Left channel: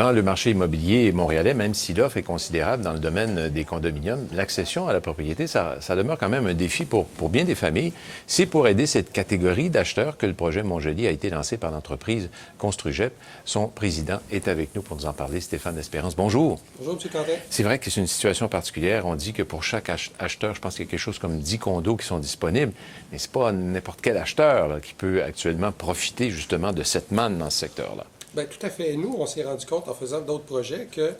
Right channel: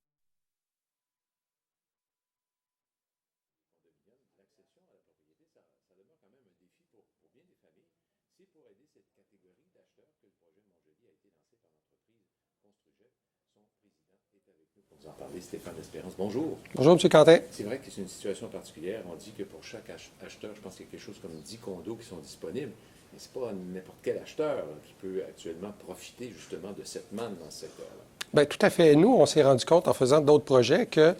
Dans le marché immobilier montréalais, même si l'offre est considérable dans le domaine des condominiums, l'accession à la propriété, ça demeure quand même un défi pour bien des familles. C'est pour aider cette catégorie d'acheteurs que le projet Montjoli a été lancé par l'entreprise Construgep. Son président est avec nous pour nous en parler, Stéphane Espérance. Bonjour. Bonjour, M. Quentin. C'est vrai que c'est une situation particulière. On dit que pour chaque acheteur, je pense qu'il y a quelque chose comme 10 condos qui sont disponibles, mais c'est pas n'importe quel acheteur là, qui peut actuellement profiter justement de cette manne dans ce secteur-là. Bien, tout à fait. Nous, on s'est rendu compte en faisant d'autres projets que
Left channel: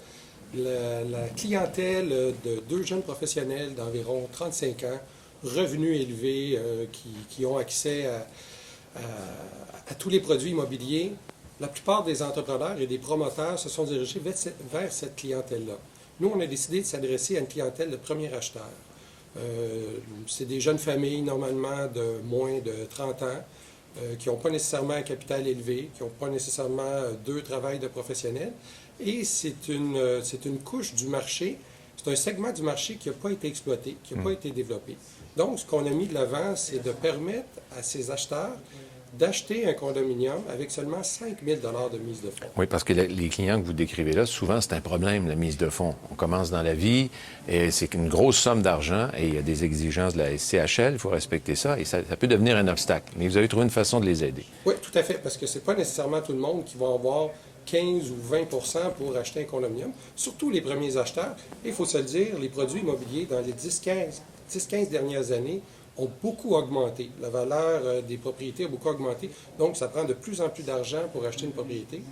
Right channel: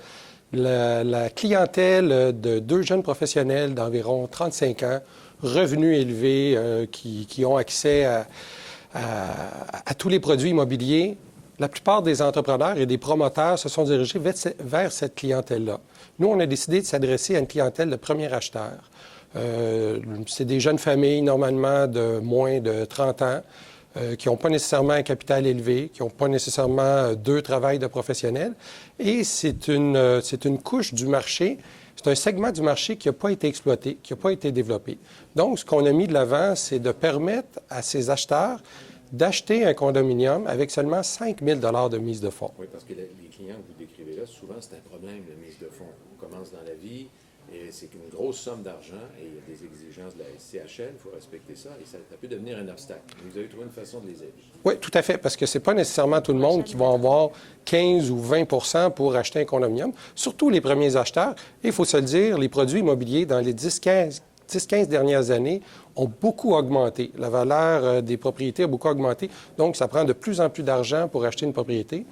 la clientèle de deux jeunes professionnels d'environ 35 ans, revenus élevés, qui ont accès à tous les produits immobiliers, la plupart des entrepreneurs et des promoteurs se sont dirigés vers cette clientèle-là. Nous, on a décidé de s'adresser à une clientèle de premier acheteur. C'est des jeunes familles, normalement, de moins de 30 ans, qui n'ont pas nécessairement un capital élevé, qui n'ont pas nécessairement deux travails de professionnels. Et c'est une couche du marché, c'est un segment du marché qui n'a pas été exploité, qui n'a pas été développé. Donc, ce qu'on a mis de l'avant, c'est de permettre à ces acheteurs d'acheter un condominium avec seulement 5 000 de mise de fonds. Oui, parce que les clients que vous décrivez là, souvent, c'est un problème, la mise de fonds. On commence dans la vie, et c'est une grosse somme d'argent, et il y a des exigences de la SCHL, il faut respecter ça, et ça peut devenir un obstacle. Mais vous avez trouvé une façon de les aider. Oui, tout à fait, parce que c'est pas nécessairement tout le monde qui va avoir 15 ou 20 pour acheter un condominium, surtout les premiers acheteurs. Et il faut se le dire, les produits immobiliers, dans les 10-15 dernières années, ont beaucoup augmenté. La valeur des propriétés a beaucoup augmenté. Donc, ça prend de plus en plus d'argent pour acheter une propriété.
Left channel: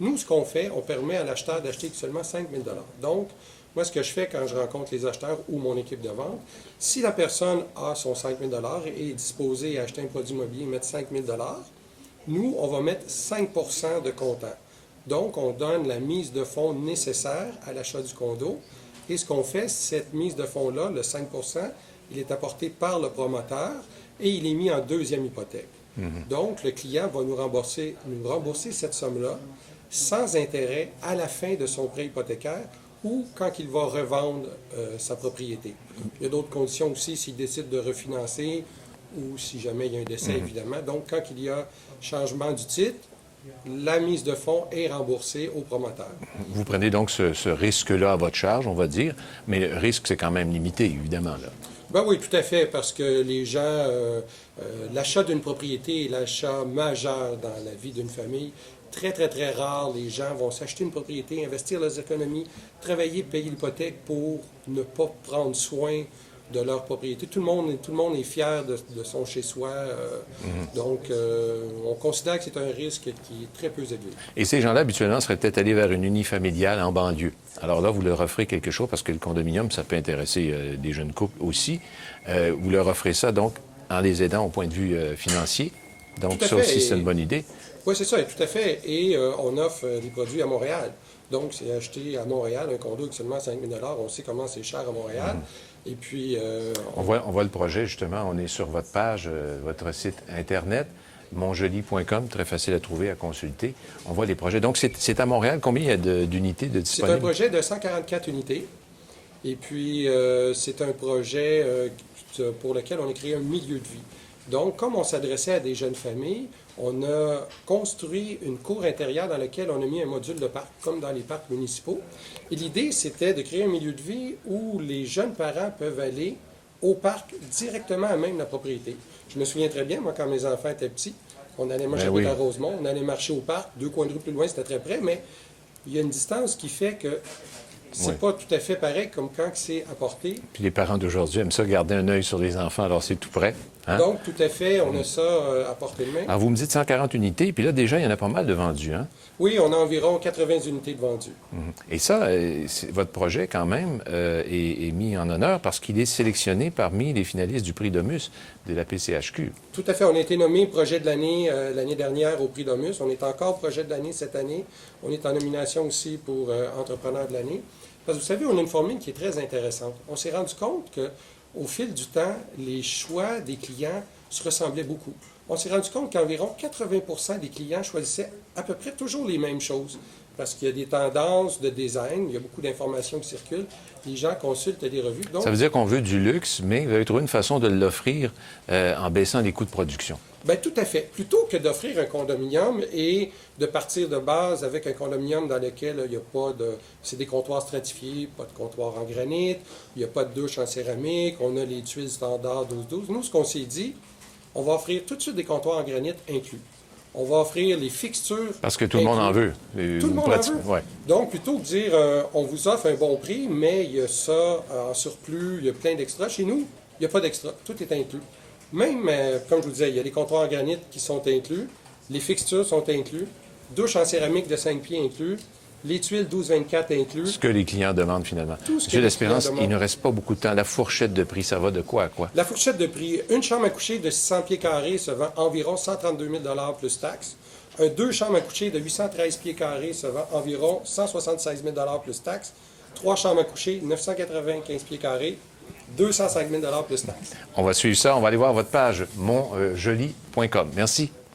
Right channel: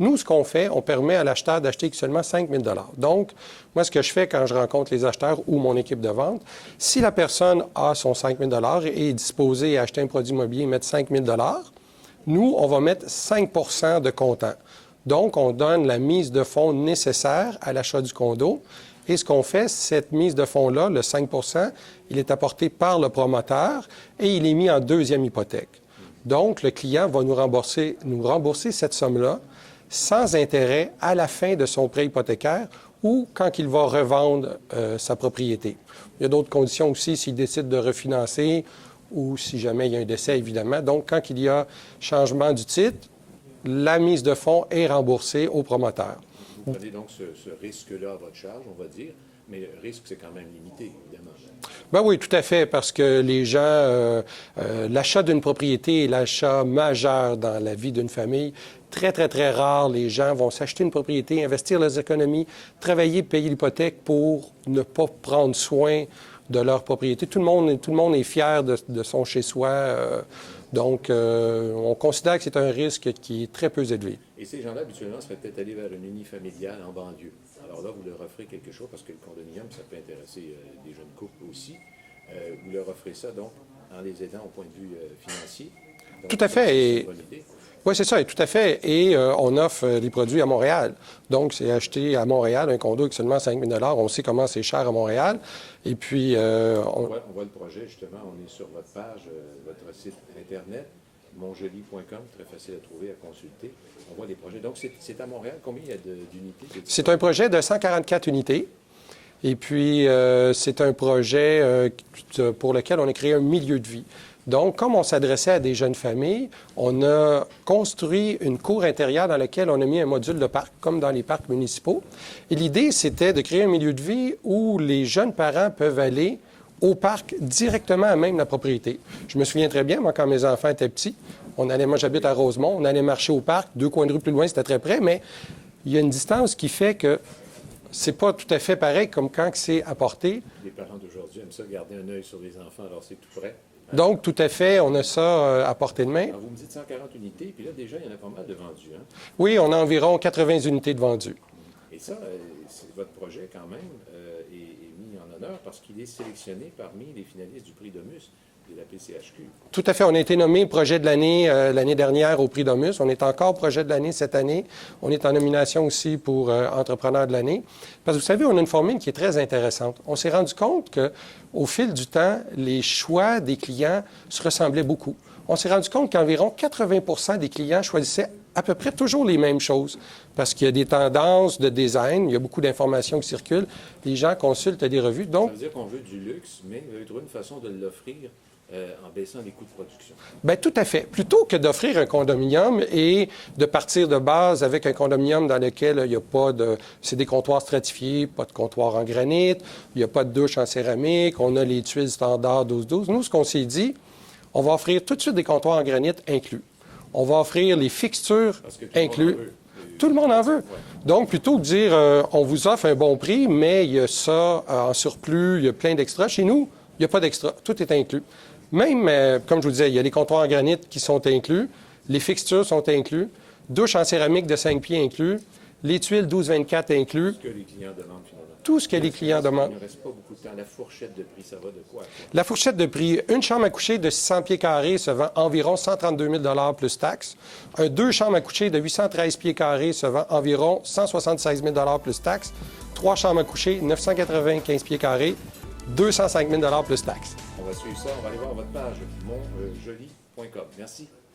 Nous, ce qu'on fait, on permet à l'acheteur d'acheter seulement 5 000 Donc, moi, ce que je fais quand je rencontre les acheteurs ou mon équipe de vente, si la personne a son 5 000 et est disposée à acheter un produit immobilier et mettre 5 000 nous, on va mettre 5 de comptant. Donc, on donne la mise de fonds nécessaire à l'achat du condo. Et ce qu'on fait, cette mise de fonds-là, le 5 il est apporté par le promoteur et il est mis en deuxième hypothèque. Donc, le client va nous rembourser cette somme-là sans intérêt à la fin de son prêt hypothécaire ou quand il va revendre sa propriété. Il y a d'autres conditions aussi s'il décide de refinancer ou si jamais il y a un décès, évidemment. Donc, quand il y a changement du titre, la mise de fonds est remboursée au promoteur. Vous prenez donc ce risque-là à votre charge, on va dire, mais le risque, c'est quand même limité, évidemment. Là. Ben oui, tout à fait, parce que les gens, l'achat d'une propriété est l'achat majeur dans la vie d'une famille. Très, très, très rare, les gens vont s'acheter une propriété, investir leurs économies, travailler, payer l'hypothèque pour ne pas prendre soin de leur propriété. Tout le monde est fier de son chez-soi. Donc, on considère que c'est un risque qui est très peu élevé. Et ces gens-là, habituellement, seraient peut-être allés vers une unifamiliale en banlieue. Alors là, vous leur offrez quelque chose, parce que le condominium, ça peut intéresser des jeunes couples aussi. Vous leur offrez ça, donc, en les aidant au point de vue financier. Donc, tout à ça fait. aussi, c'est une bonne idée. Oui, c'est ça, et tout à fait. Et on offre des produits à Montréal. Donc, c'est acheter à Montréal un condo avec seulement 5 000 On sait comment c'est cher à Montréal. Et puis... On voit le projet, justement. On est sur votre page, votre site Internet, montjoli.com, très facile à trouver, à consulter. On voit les projets. Donc, c'est à Montréal. Combien il y a d'unités de disponibles? C'est un projet de 144 unités. Et puis, c'est un projet pour lequel on a créé un milieu de vie. Donc, comme on s'adressait à des jeunes familles, on a construit une cour intérieure dans laquelle on a mis un module de parc, comme dans les parcs municipaux. Et l'idée, c'était de créer un milieu de vie où les jeunes parents peuvent aller au parc directement à même la propriété. Je me souviens très bien, moi, quand mes enfants étaient petits, moi, j'habite à Rosemont, on allait marcher au parc, 2 coins de rue plus loin, c'était très près, mais il y a une distance qui fait que c'est pas tout à fait pareil comme quand c'est apporté. Puis les parents d'aujourd'hui aiment ça, garder un œil sur les enfants, alors c'est tout près. Hein? Donc, tout à fait, on a ça à portée de main. Alors, vous me dites 140 unités, puis là, déjà, il y en a pas mal de vendus, hein? Oui, on a environ 80 unités de vendues. Et ça, votre projet, quand même, est mis en honneur parce qu'il est sélectionné parmi les finalistes du prix Domus de la PCHQ. Tout à fait. On a été nommé projet de l'année l'année dernière au prix Domus. On est encore projet de l'année cette année. On est en nomination aussi pour entrepreneur de l'année. Parce que vous savez, on a une formule qui est très intéressante. On s'est rendu compte qu'au fil du temps, les choix des clients se ressemblaient beaucoup. On s'est rendu compte qu'environ 80 des clients choisissaient à peu près toujours les mêmes choses. parce qu'il y a des tendances de design, il y a beaucoup d'informations qui circulent. Les gens consultent des revues. Donc, ça veut dire qu'on veut du luxe, mais vous avez trouvé une façon de l'offrir en baissant les coûts de production. bien, tout à fait. Plutôt que d'offrir un condominium et de partir de base avec un condominium dans lequel il n'y a pas de... C'est des comptoirs stratifiés, pas de comptoir en granit, il n'y a pas de douche en céramique, on a les tuiles standards 12-12. Nous, ce qu'on s'est dit, on va offrir tout de suite des comptoirs en granit inclus. On va offrir les fixtures parce que tout le monde en veut. Tout le monde en veut. Ouais. Donc, plutôt que de dire on vous offre un bon prix, mais il y a ça en surplus, il y a plein d'extras. Chez nous, il n'y a pas d'extra. Tout est inclus. Même, comme je vous disais, il y a les comptoirs en granit qui sont inclus, les fixtures sont inclus, douche en céramique de 5 pieds inclus, les tuiles 12-24 inclus. Ce que les clients demandent finalement. Tout ce que les clients demandent. Il ne reste pas beaucoup de temps. La fourchette de prix, ça va de quoi à quoi? La fourchette de prix, une chambre à coucher de 600 pieds carrés se vend environ 132 000 plus taxes. Deux chambres à coucher de 813 pieds carrés se vend environ 176 000 plus taxes. Trois chambres à coucher, 995 pieds carrés, 205 000 plus taxes. On va suivre ça. On va aller voir votre page monjoli.com. Merci.